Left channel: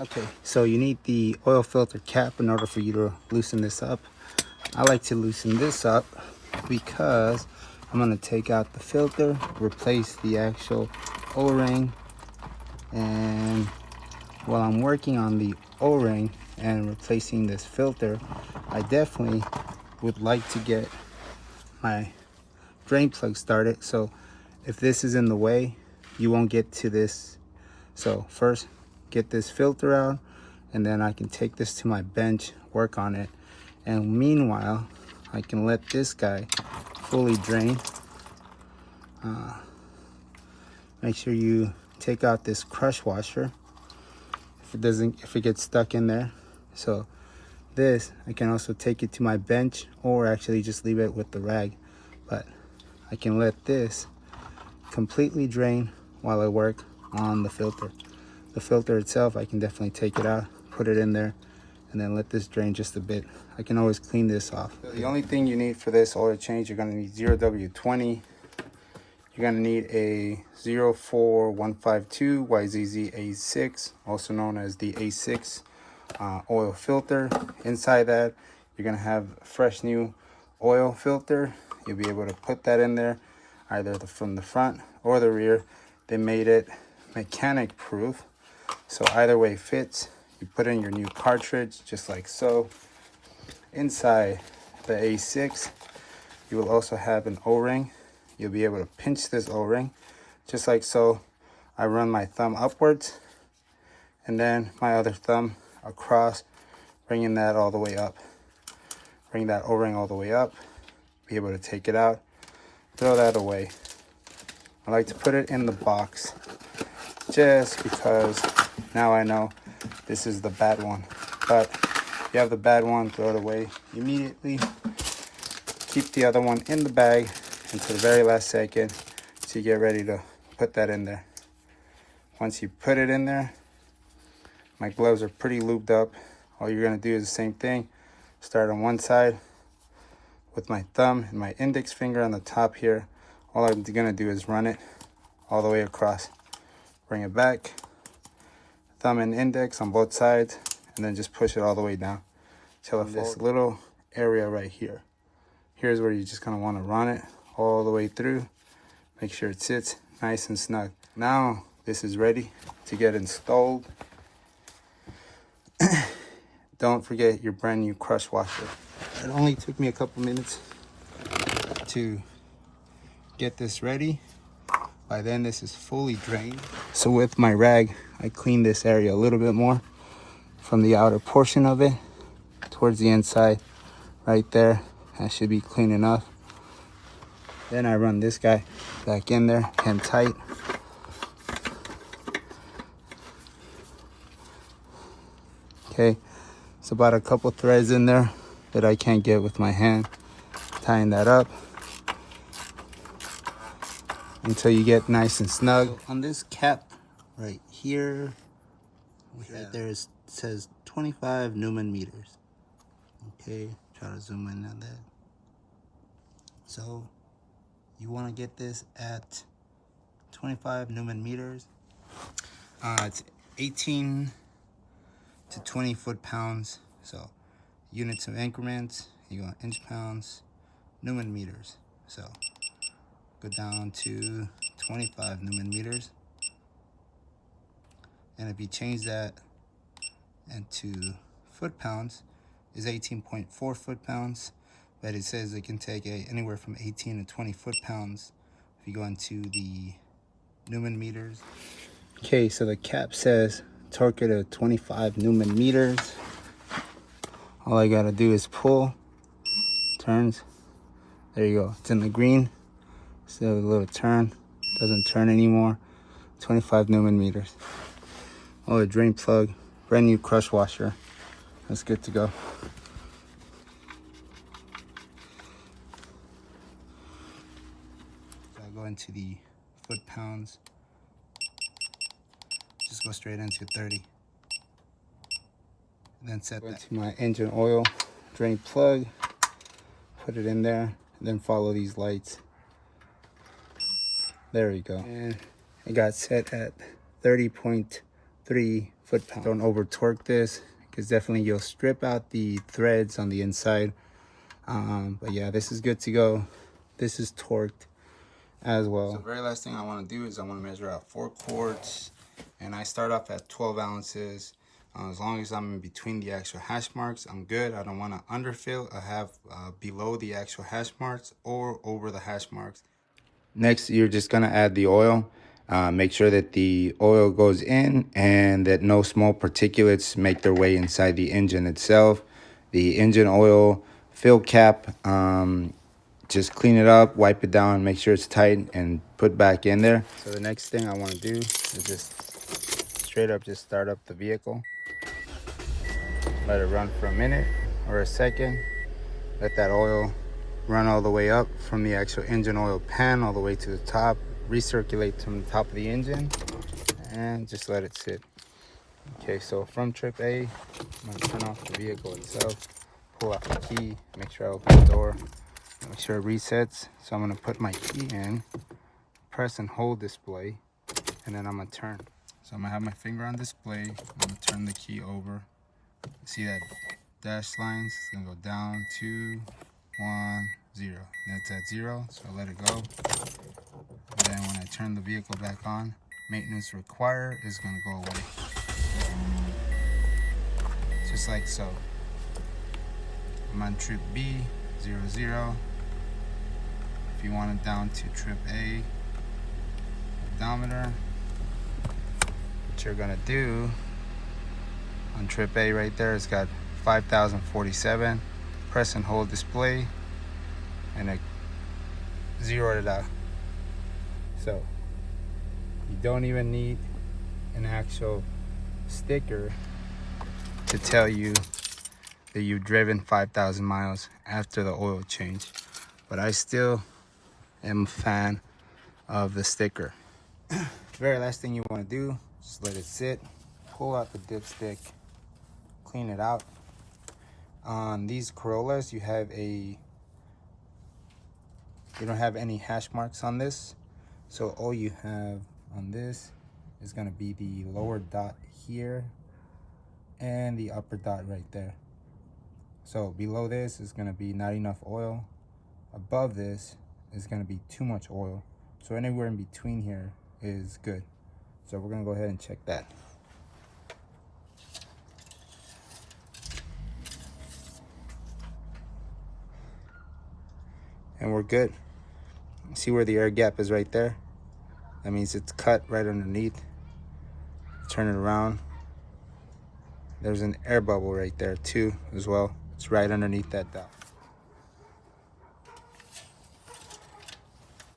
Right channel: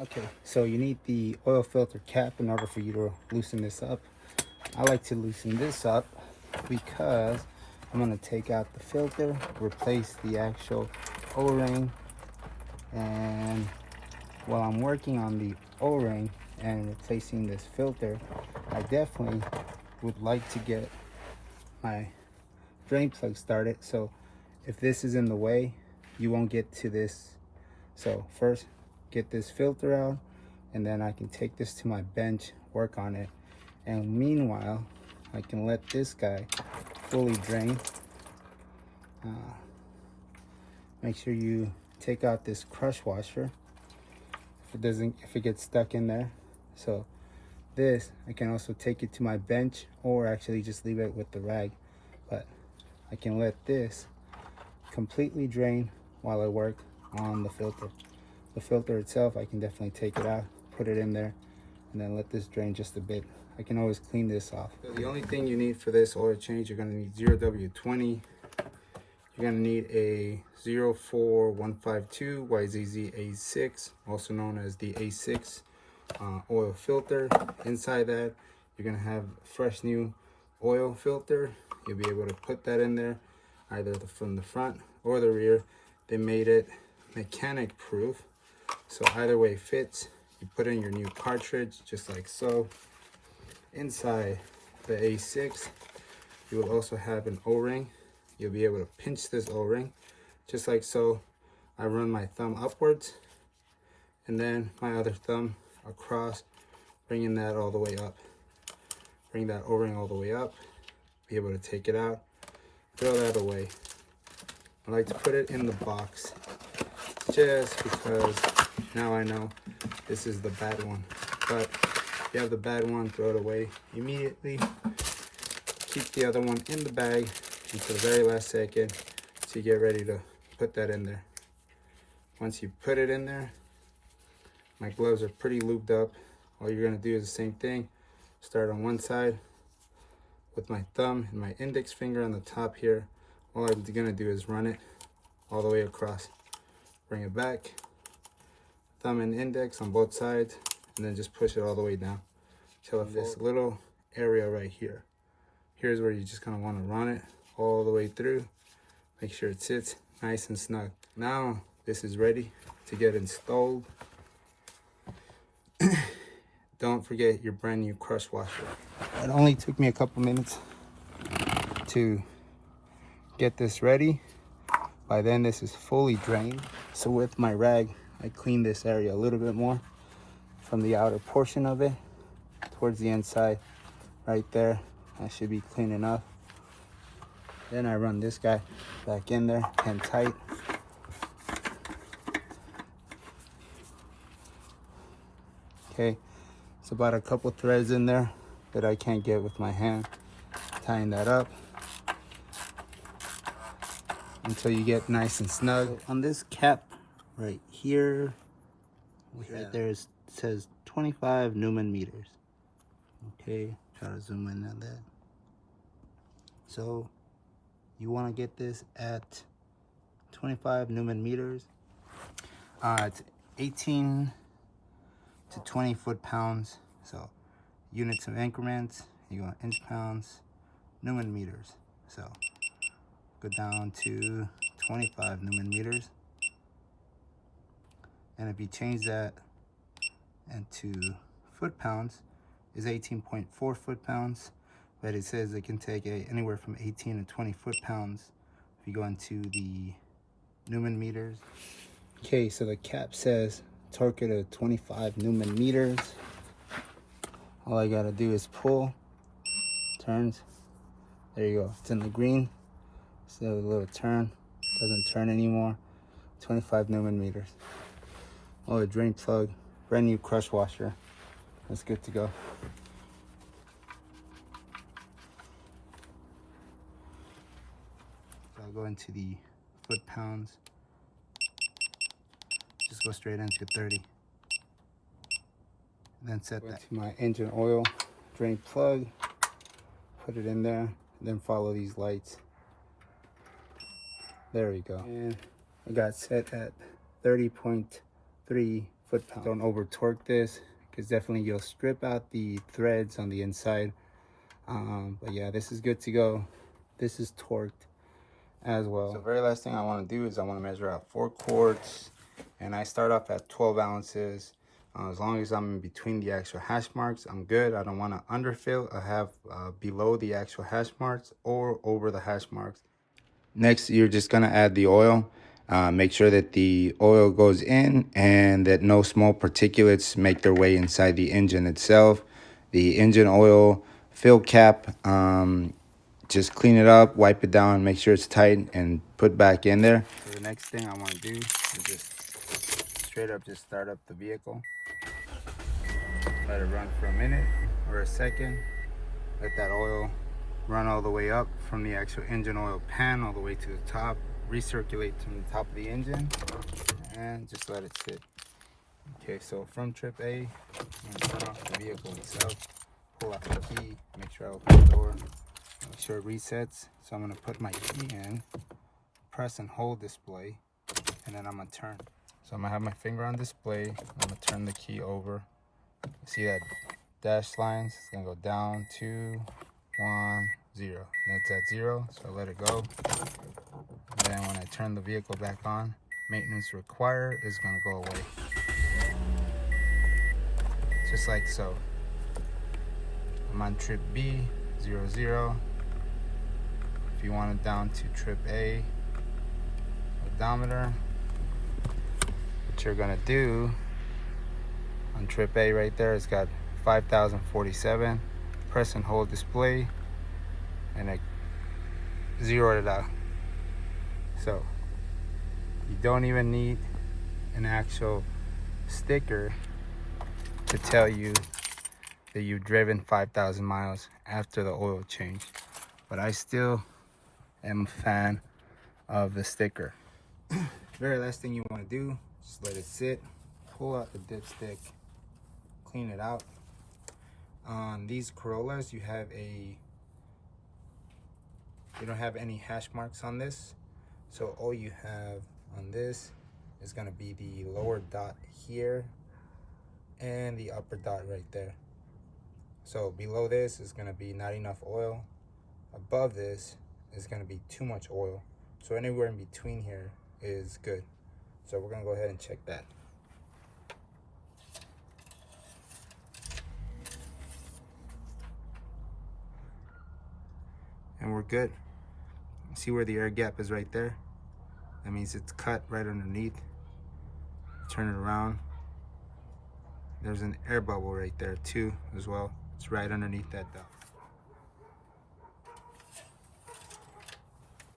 Okay, so you need the oil filter cap in order for you to loosen this up. I like to loosen this up because I'm going to take out the filter, replace the actual O-ring, and while I'm working on the O-ring and replacing this filter, I definitely would like to get my drain plug started. So if this is in the way, you won't get to this. So first, get this filter out, and then I can take this to my bench, work on it, and meanwhile I can let this guy fully drain. Make sure you take out this crush washer if it gets stuck in there. So this, I can also take it to my bench, or actually just leave it with the rag, but I can let this completely drain while I work on the filter. The filter itself, I can definitely take it out, put it in there, and then let this drain just a bit. I can always clean this off. The only thing you need for this oil change, you're going to need 0W20. You're going to need a 04152 YZZ A6, also known as the A6 oil filter. Inside that, you're going to have a fresh new oil filter. You'll be able to put that in there, either from the front or the rear. They made it mechanic proof, so either way fits. You put in your new cartridge just like so. Inside the A6, you will also have an O-ring. You'll be able to pinch this O-ring just like so. I run my thumb upwards and then my other thumb across, bringing that all the way up. Bring that O-ring all the way up, be able to take it out, throw that away. I like to put it in the box just because now I know this is the bad one. But if you have the bad one, throw it away immediately. Keep the other one in the bag until the very last second so you get ready to put that in there. Once you put it in there, my gloves are pretty lubed up. All you're gonna do is the same thing. Start on one side with my thumb and my index finger on the top here. All I'm gonna do is run it all the way across. Bring it back, thumb and index on both sides, and then just push it all the way down till this little area right here. Here's where you're just gonna wanna run it all the way through. Make sure it sits nice and snug. Now this is ready to get installed. Don't forget your brand new crush washer. It only took me a couple minutes to get this ready. By then this is fully drained. So with my rag, I cleaned this area a little bit more from the outer portion of it towards the inside right there. That should be clean enough. Then I run this guy back in there and tight. Okay, it's about a couple threads in there that I can't get with my hand. Tying that up until you get nice and snug. So on this cap right here, right there, it says 25 Newman meters. Okay, try to zoom in on that. So you want to get this at 25 Newman meters. It's 18 to 20 foot-pounds. So units of increments, you want inch pounds, Newman meters. So go down to 25 Newman meters. And if you change that into foot-pounds, is 18.4 foot-pounds. But it says it can take anywhere from 18 to 20 foot-pounds if you go into the Newman meters. Okay, so the cap says torque it at 25 Newman meters. All I gotta do is pull, turns. There you go, it's in the green. Still a little turn, doesn't turn anymore. 25 Newman meters. Oh, a drain plug, brand new crush washer. That's good to go. So I'll go into the foot-pounds. Just go straight into 30. And then set that to my engine oil drain plug. Put it in there, and then follow these lights. There we go. And it got set at 30.3 foot-pounds. Don't over torque this, because definitely you'll strip out the threads on the inside. But yeah, this is good to go. This is torqued as well. So the very last thing I want to do is I want to measure out 4 quarts, and I start off at 12 ounces. As long as I'm in between the actual hash marks, I'm good. I don't want to underfill. I have below the actual hash marks or over the hash marks. Next, you're just going to add the oil. Make sure that the oil goes in and that no small particulates make their way inside the engine itself. The engine oil fill cap, just clean it up, wipe it down, make sure it's tight, and put back in there. So the next thing I want to do is just straight up just start up the vehicle. Let it run for a minute or a second. Let that oil run all the way up from the actual engine oil pan all the way to the top. Recirculate from the top of the engine and just let it sit. Okay, so from trip A, I'm gonna turn off the vehicle itself, pull out the key, make sure I open the door, make sure it resets. So I'm gonna put my key in, press and hold display, and then I'm gonna turn. So I'm gonna have my finger on display, I'm gonna turn the key over. See that dash lines? It's gonna go down 2, 1, 0. That's at 0, so I let it go. And then when I turn the vehicle back on, maintenance required is gonna go away. Just like so. I'm on trip B, 00. If you want it down to trip A, odometer, what you're gonna do on trip A right there, it's got 5,047. Press and hold display, and it zeroed it out. So you don't even need an actual sticker to tell you that you've driven 5,000 miles after the oil change. But I still am a fan of the sticker. Very last thing you want to do, just let it sit, pull out the dipstick, clean it out. On these Corollas, you don't have any hash marks on this, so all you have on this is going to be the lower dot here and the upper dot right there. So below this is going to be not enough oil, above this is going to be too much oil, so anywhere in between here is good. So we're going to go ahead and check that. And we're good. See where the air gap is right there? That means it's cut right underneath. Turn it around. There's an air bubble right there too as well. It's right underneath that dot.